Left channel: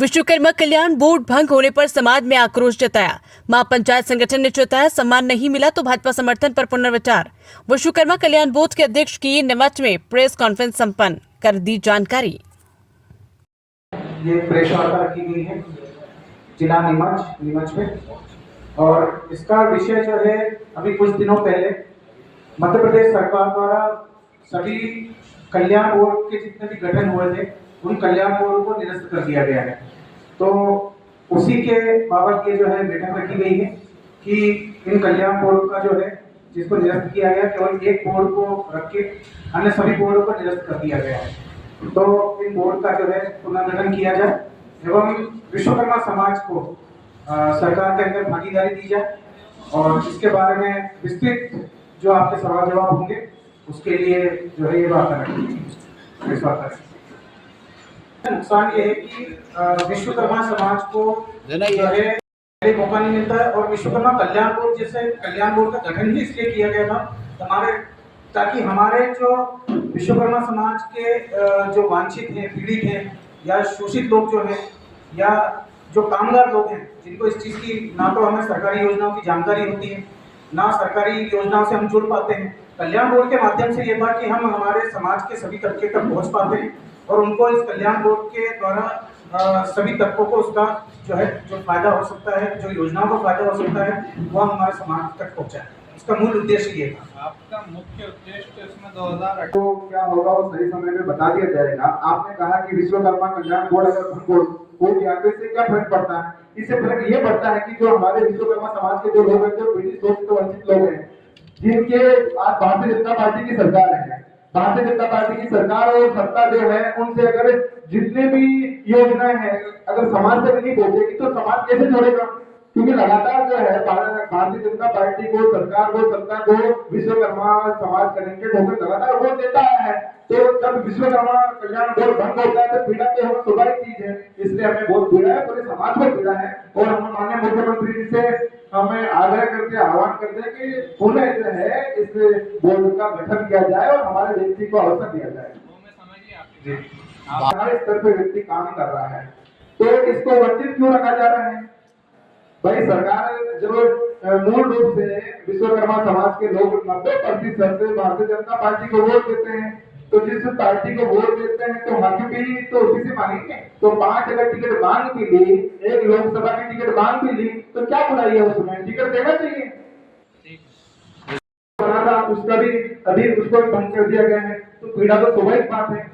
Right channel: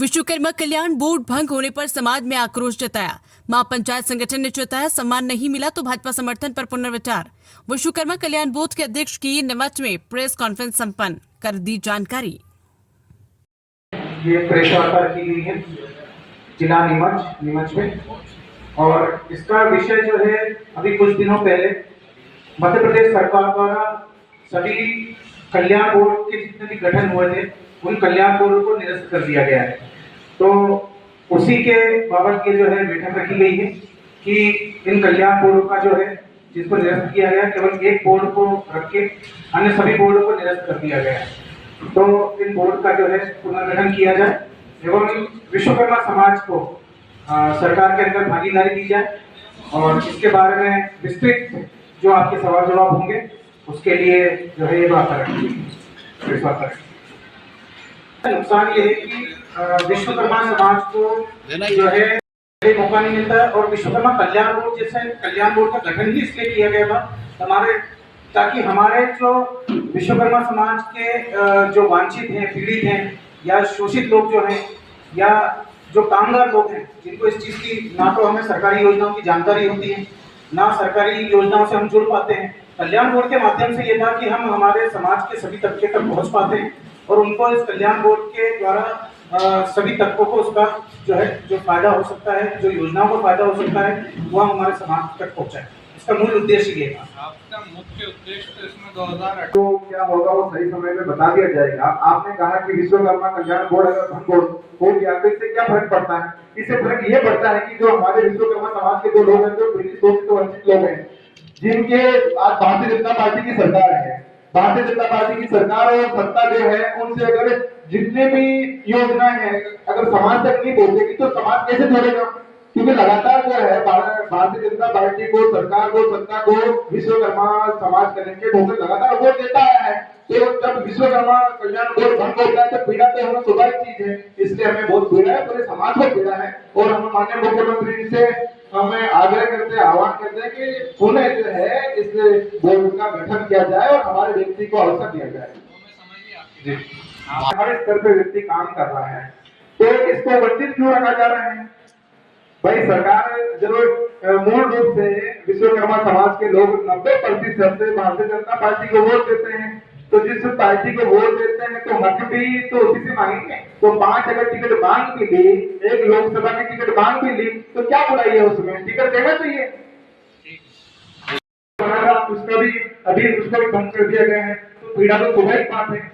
विश्वकर्मा कल्याण board भंग होने पर समाज में आक्रोश जताया। मां पंचायत संगठन ने चेताया, सम्मान नहीं मिला तो भाजपा समर्थन पर पुनर्विचार। विश्वकर्मा कल्याण बोर्ड के अध्यक्ष की नीमच में प्रेस कॉन्फ्रेंस संपन्न, कर दी जानकारी। ये प्रेस वार्ता की गई है जिला नीमच में, और इसका विषय जो है अभी कुछ दिनों पहले मध्य प्रदेश सरकार द्वारा सभी कल्याण बोर्ड के जितने भी गठन हुए थे उन कल्याण बोर्ड को निरस्त कर दिया गया है। तो उसी के बाबत ये जो है बैठक रखी गई है कि इन कल्याण बोर्ड का जो है जिसको निरस्त किया गया, केवल एक बोर्ड को रख के अन्य सभी बोर्ड को निरस्त कर दिया गया है। तो इन बोर्ड का जो है पुनर्गठन किया जाए एवं विश्वकर्मा समाज को सरकार के अंदर भागीदारी दी जाए, और इसके बारे में विस्तृत जो आपके सवाल जवाब होंगे उसके लिए जो है ये बात रखी। नुकसान ये है कि विश्वकर्मा समाज को जो है मौका नहीं मिलता है, और विश्वकर्मा कल्याण बोर्ड जैसे कल्याण बोर्ड का गठन ही इसलिए किया गया था ताकि हमारे जो विश्वकर्मा समाज के जो वांछित हैं, पीड़ित हैं या शोषित लोग जो हैं या जो कामगार लोग हैं जिनको इस चीज़ की ना तो हमें सरकारी योजनाओं की जानकारी होती है ना सरकारी योजनाओं से हम जुड़ पाते हैं, कल्याण बोर्ड के माध्यम से ये था कि हम हमारे समाज के सभी तबके तक पहुंच पाते हैं और उनको इस कल्याण बोर्ड के द्वारा सभी तबकों को उसका जो है जो फायदा हो सकता है, जो योजनाओं का फायदा हो सकता है वो हम हमारे समाज तक पहुंचाएं। इसका मूल उद्देश्य ये था। आपका मुख्य उद्देश्य तो इसमें 2008 तो क्या होगा वो सही समय में बता दिया जाएगा। आपने कहा कि विश्वकर्मा कल्याण बोर्ड अगर भंग हो गया तो इससे क्या फर्क पड़ता है? इससे फर्क ये पड़ता है कि जो हमारे विश्वकर्मा समाज के जो लोग हैं, जो पीड़ित शोषित वंचित लोग हैं, जिनके आज भारतीय जनता पार्टी की सरकार है, भारतीय जनता पार्टी की सरकार और सत्ता जो है उनसे अगर जितने भी योजनाएं हैं अगर समाज तक नहीं पहुंचेगी तो समाज कैसे जुड़ेगा? क्योंकि लगातार जो है भारतीय जनता पार्टी को, सरकार को, सत्ता को विश्वकर्मा समाज कनेक्टेड होकर लगातार वोट देता आया है। तो जब विश्वकर्मा कल्याण बोर्ड भंग होता है तो पीड़ा तो होना स्वाभाविक चीज है, इसलिए हमें बहुत पीड़ा है, पूरे समाज को पीड़ा है। और हम माननीय मुख्यमंत्री से हमें आग्रह करते हैं, आह्वान करते हैं कि पुनः जो है इस बोर्ड का गठन किया जाए और हमारे व्यक्ति को अवसर दिया जाए। जी, हमारे स्तर पे व्यक्ति काम कर रहा है तो इसको वंचित क्यों रखा जा रहा है? भाई सरकार जब मूल रूप से विश्वकर्मा समाज के लोग 90% से भारतीय जनता पार्टी को वोट देते हैं, तो जिस पार्टी को वोट देते हैं तो हक भी तो उसी से मांगेंगे। तो 5 अगर टिकट मांग भी ली, एक लोकसभा की टिकट मांग भी ली तो क्या बुराई है उसमें? टिकट देना चाहिए। उसका भी अभी उसको भी भंग कर दिया गया है तो पीड़ा तो स्वाभाविक बात है।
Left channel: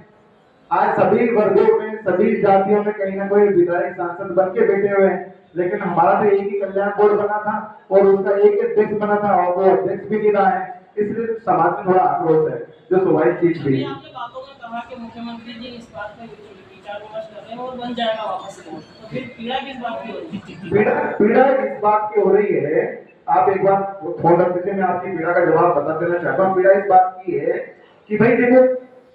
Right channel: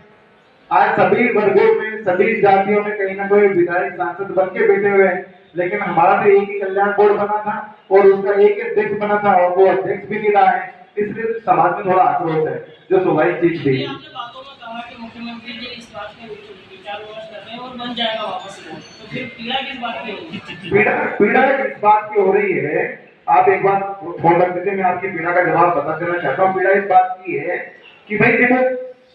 आज सभी वर्गों में, सभी जातियों में कहीं ना कोई विधायक सांसद बन के बैठे हुए हैं, लेकिन हमारा तो एक ही कल्याण बोर्ड बना था और उसका एक अध्यक्ष बना था और वो अध्यक्ष भी नहीं रहा है, इसलिए समाज में थोड़ा आक्रोश है जो स्वाभाविक चीज थी। आपने बातों में कहा कि मुख्यमंत्री जी इस बात में विचार विमर्श कर रहे हैं और बन जाएगा वापस, तो फिर पीड़ा किस बात की होगी? पीड़ा इस बात की हो रही है, आप एक बार फोन रख दीजिए, मैं आपकी पीड़ा का जवाब बता देना चाहता हूँ। पीड़ा इस बात की है कि भाई देखो,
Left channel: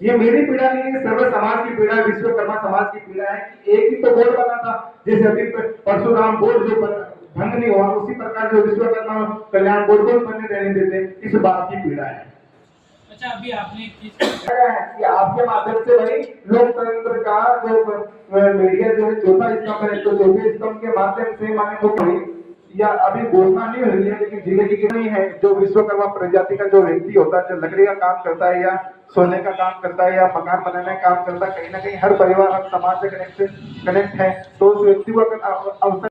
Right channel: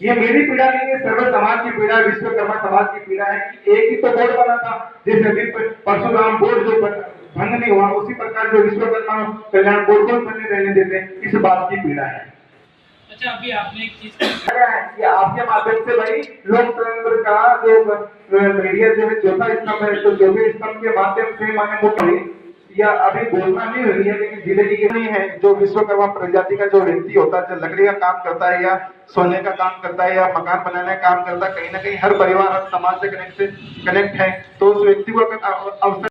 ये मेरी पीड़ा नहीं है, सर्व समाज की पीड़ा, विश्वकर्मा समाज की पीड़ा है कि एक ही तो बोर्ड बना था, जैसे अभी परशुराम बोर्ड जो भंग नहीं हुआ उसी प्रकार जो विश्वकर्मा कल्याण बोर्ड को बने रहने देते, इस बात की पीड़ा है। अच्छा, अभी आपने एक चीज कि आपके माध्यम से भाई लोकतंत्र का जो मीडिया जो है चौथा स्तंभ है, तो चौथे स्तंभ के माध्यम से माने मुख्य या अभी घोषणा नहीं हुई है, लेकिन जिले की नहीं है जो विश्वकर्मा प्रजाति का जो व्यक्ति होता है, लकड़ी का काम करता है या सोने का काम करता है या मकान बनाने का काम करता है, कहीं ना कहीं हर परिवार हर समाज से कनेक्ट है, तो उस व्यक्ति को अगर अवसर